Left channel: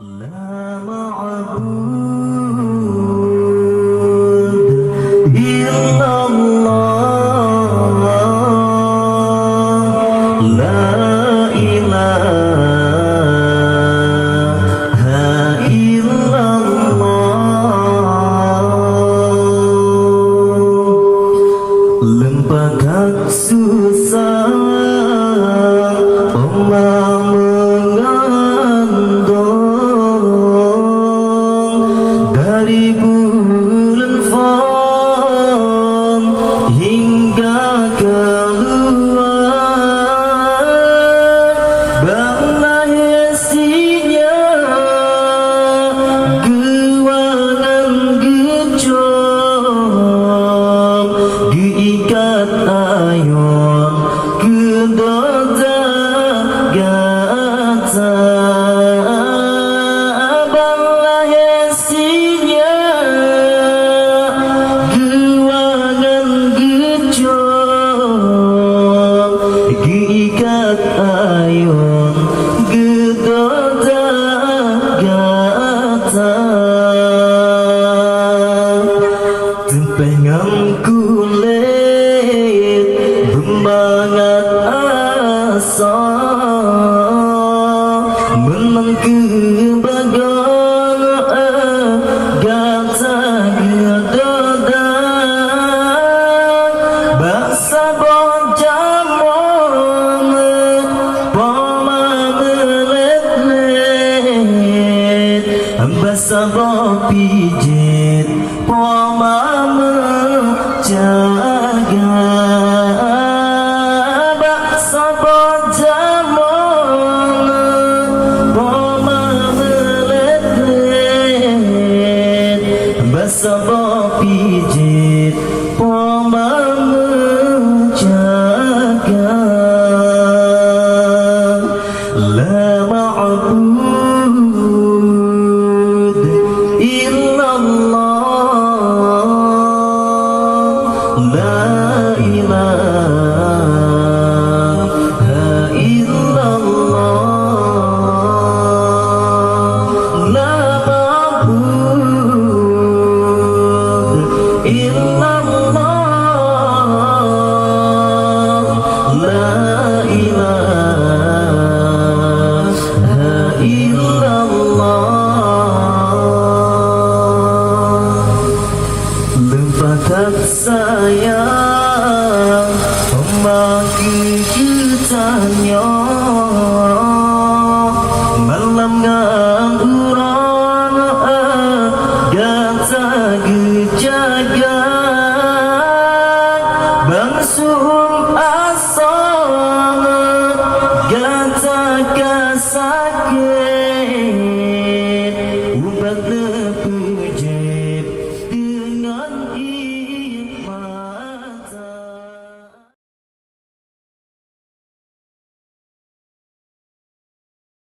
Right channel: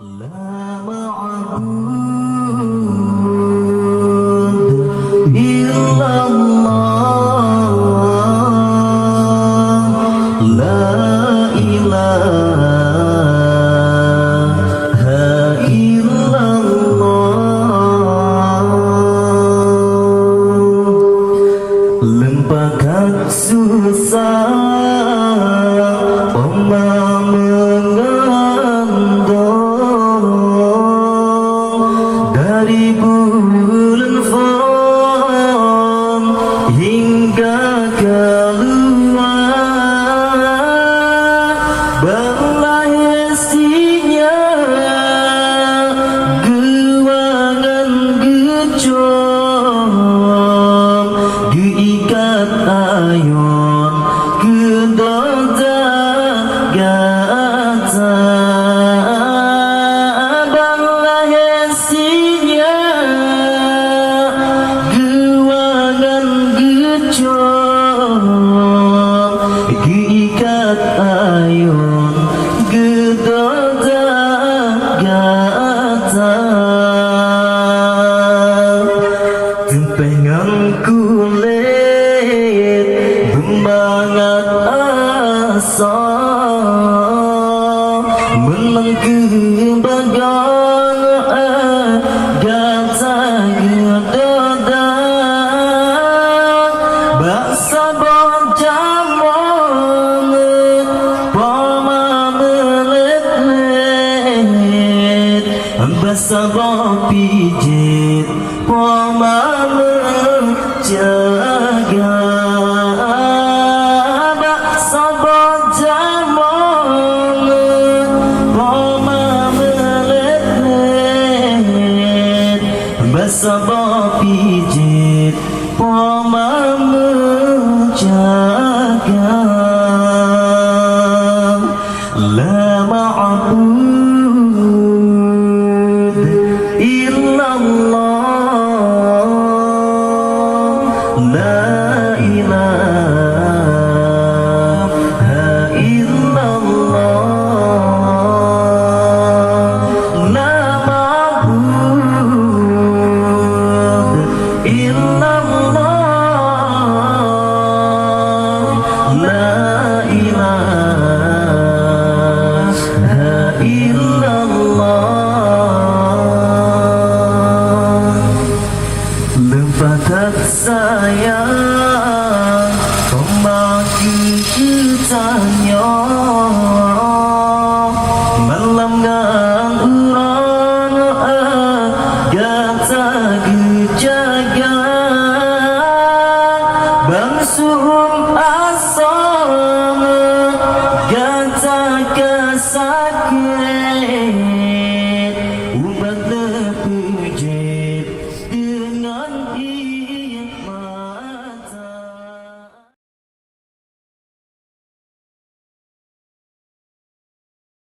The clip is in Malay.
لا معبود إلا الله لا إله إلا الله Lempakak susah Oma mengandung Dari bulan Fon hingga keluar Berlahirnya gewangan gejong Geikat ayon kedoda gata Berlahirnya gewangan gejong Geikat ayon kedoda gata Tempengan kulit Semangat asa Menang kebagang Gata gedada Basa bojamon Poma melet-let Basa bopijit Poma menjaga Sabah pijit Poma menjaga La ma'bud illallah La ilaha